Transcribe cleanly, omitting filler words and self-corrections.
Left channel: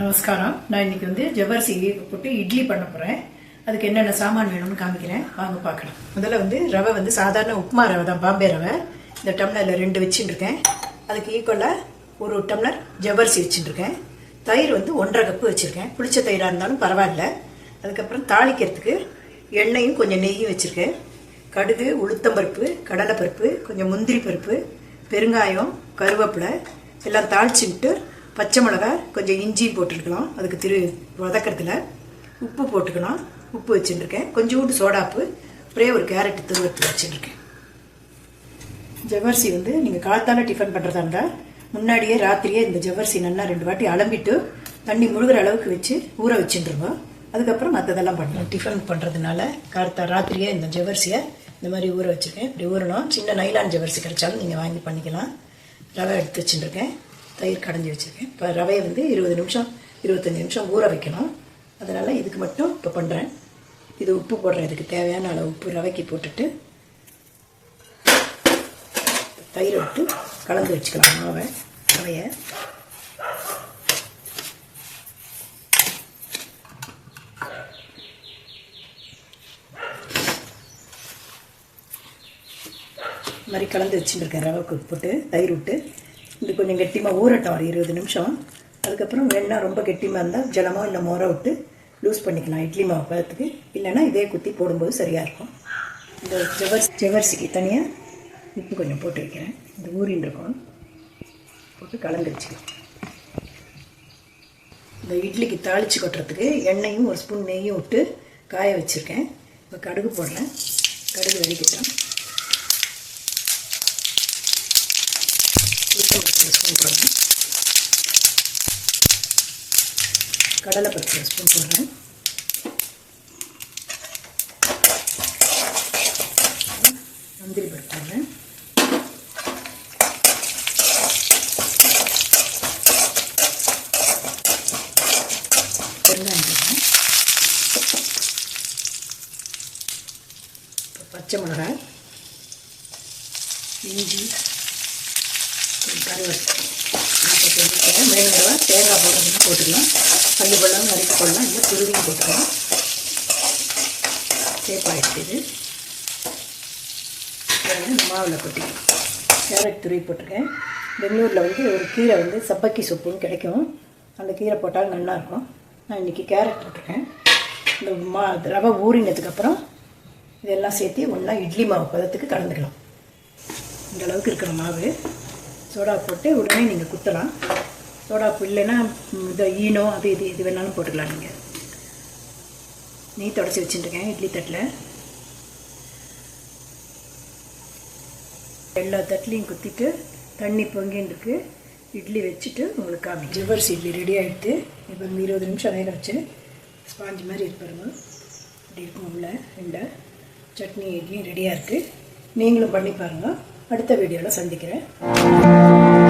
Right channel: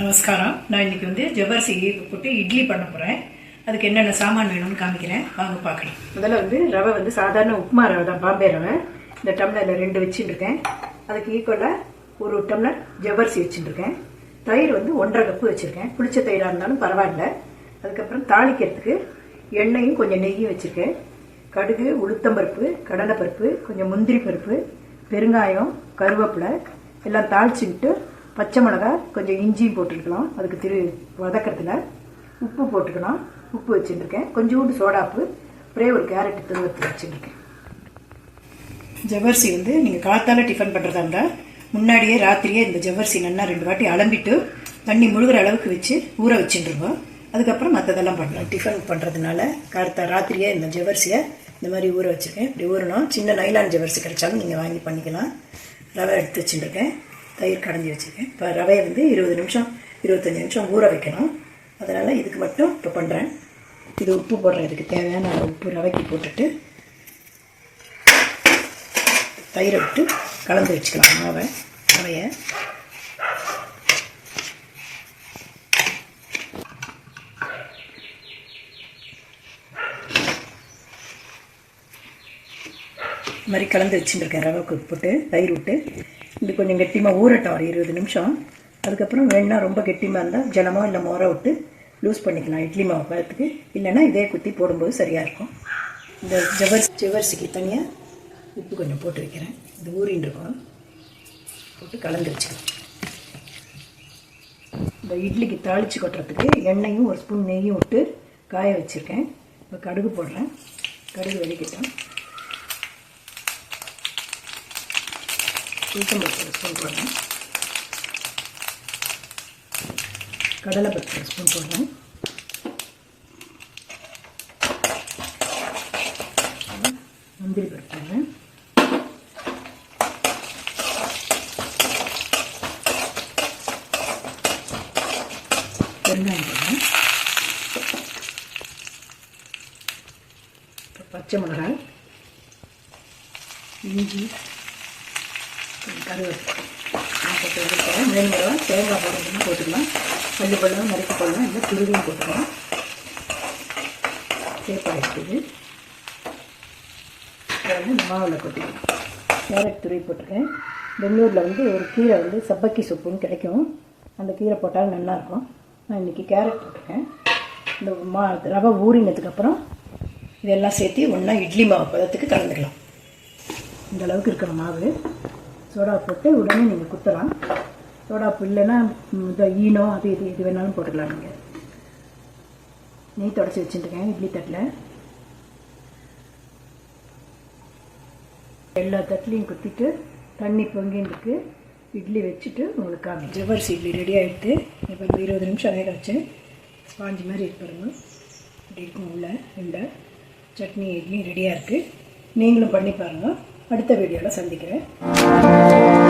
நமஸ்காரம். நான் இன்னைக்கு வந்து ஜவ்வரிசி போட்டு இட்லி பண்ண போகிறேன். அதுக்கு என்னென்ன சாமான் வேணும்னு காமிக்கிறேன், வாங்க பார்க்கலாம். முதல்ல வந்து ரவை வந்து சாதாரண உப்புமா ரவை தான், பாம்பே ரவை. இந்த டம்ளரில் 2 வச்சுட்டுருக்கேன். அதுக்கு ஈக்குவலாக ஒரு டம்ளர் ஜவ்வரிசி வச்சுட்டுருக்கேன். தயிர் வந்து 1.5 கப்பு வச்சுருக்கேன். புளிச்ச தயிராக இருந்தாலும் பரவாயில்ல. அதுக்கப்புறம் தாளிக்கிறதுக்கு எண்ணெயும் கொஞ்சம் நெய்யும் வச்சுருக்கேன். கடுகு, உளுத்தம்பருப்பு, கடலைப்பருப்பு, கொஞ்சம் முந்திரி பருப்பு, பெருங்காயம், கருவேப்பிலை எல்லாம் தாளிச்சுட்டு பச்சை மிளகா, கொஞ்சம் இஞ்சியும் போட்டுருக்கலாம். அதுக்கு வதக்கிறதுல உப்பு போட்டுக்கலாம். உப்பு வச்சுட்டுருக்கேன். கொஞ்சோண்டு சோடாப்பு, ஒரே ஒரு கேரட் துருவத்து வச்சுட்டுருக்கேன். ஜவ்வரிசி வந்து நீங்கள் காத்தால டிஃபன் பண்ணுறதா இருந்தால் முன்னாடியே ராத்திரியே இந்த ஜவ்வரிசி நல்லா 2 வாட்டி அலம்பிட்டு தண்ணி முழுகிற அளவுக்கு வச்சு ஊற வச்சுட்டுருவோம். அதுக்கப்புறம் மற்றதெல்லாம் பண்ணலாம். டிஃபன் பண்ணுறதுனால ராத்திரியே இந்த ஜவ்வரிசியை இந்த மாதிரி ஊற வச்சுருக்கேன். இப்படி ஊறணும். சின்ன நைலான் ஜவ்வரிசி கிடைச்சாலும் நீங்கள் வாங்கி பண்ணிக்கலாம். ரவை எடுத்து வச்சுட்டுருக்கேன். தயிர் கடைஞ்சி வச்சுருக்கேன். இப்போ ரவையை வந்து 20 நிமிஷம் 25 நிமிஷம் ஊற வைக்கணும். அதனால் இதுக்கு மட்டும் இப்போ பண்ணுறேன். இது உப்பு போடுறேன். இதுக்கு தேவையான உப்பு ரவைக்கு போட்டுட்டு தயிரை விட்டு கலந்து வச்சுக்கலாம். ரவையை இந்த மாதிரி கலந்து வச்சுருக்கேன். ரவைக்கு போட்டு தயிர் விட்டு இது கொஞ்சம் கெட்டிமாக ஊறட்டும் ஒரு 20 நிமிஷம். அதுக்கப்புறம் வேணா ரொம்ப கெட்டிமாக இருந்தால் ஜலமோ இல்லை மோரை விட்டு லூஸ் பண்ணிக்கலாம் இட்லி மாவு பதத்துக்கு. இல்லைன்னா இதே குத்தி போடும்போது சரியாக இருக்கும். இந்த ஜவ்வரிசிக்கு தனியாக உப்பு கொஞ்சம் போட்டு வைக்கிறேன். இந்த ஊறின்னு இருக்கும், போட்டு கலந்து வச்சுக்கிறேன். இந்த இட்லிக்கு தாளித்து கொட்டுறதுக்கு எண்ணெயும் ஒரு ஸ்பூன் நெய்யும் விட்டு காய வச்சுருக்கேன். இப்போ கடுகு போடுறேன். கடுகு வெடிக்கட்டும். உளுத்தம்பருப்பு 1 ஸ்பூன் போடுறேன். கடலைப்பருப்பு 1 ஸ்பூன் போடுறேன். முந்திரி பருப்பு போடுறேன். பெருங்காயம் போடுறேன். பச்சை மிளகாய், இஞ்சி, கருவேப்பிலை போட்டு வச்சுருக்கேன். வேணுங்கிறவா தேங்காய் போடுறதுன்னா போட்டுக்கலாம். பல்லு பழம் நறுக்கி போடலாம், இல்லை துருவியும் போட்டுக்கலாம். சேப்பாயிடுச்சு. இது இந்த மாவில் கொட்டிக்கலாம். கேரட் துருவி போட்டிருக்கேன். பெங்களூரில் வந்து ஒரு கீரை வந்து சப்பக்கி சூப்புன்னு கிடைக்கும். அந்த கீரை போட்டாலும் நல்லாயிருக்கும். நான் இன்றைக்கி கேரட் போட்டிருக்கேன். இந்த ரவை ஊறினதுக்கப்புறம் இதெல்லாம் சேர்த்து ஒன்றா இட்லி மாவு பதத்துக்கு கலந்துக்கலாம். இந்த அளவுக்கு இருக்கிற மாவு சோடா போட்டு உடனே நீங்கள் குத்தலாம். சோடாப்பு இல்லைன்னா இந்த ஈனோ அது இது வேணாலும் போட்டுக்கலாம். நீங்கள் நெய் தொடச்சி வச்சுட்டுருக்கேன் இட்லி தட்டில். எல்லா தட்டிலையும் குத்திட்டு தண்ணி பொங்கின்னு இட்லி வச்சுட்டு உங்களுக்கு காமி. ஜவ்வரிசி இட்லி ரெடி ஆகிடுது. இப்போ 20 நிமிஷம் வேக வச்சு ஸ்பாஞ்சு மாதிரி இருப்பாருங்க. இப்படி இருக்கும். உள்ள சட்னி இட்லி ரெடியாக இருக்குது. நீங்களும் பண்ணி பாருங்கள். அடுத்த வீடியோவில் சந்திக்கிறேன்.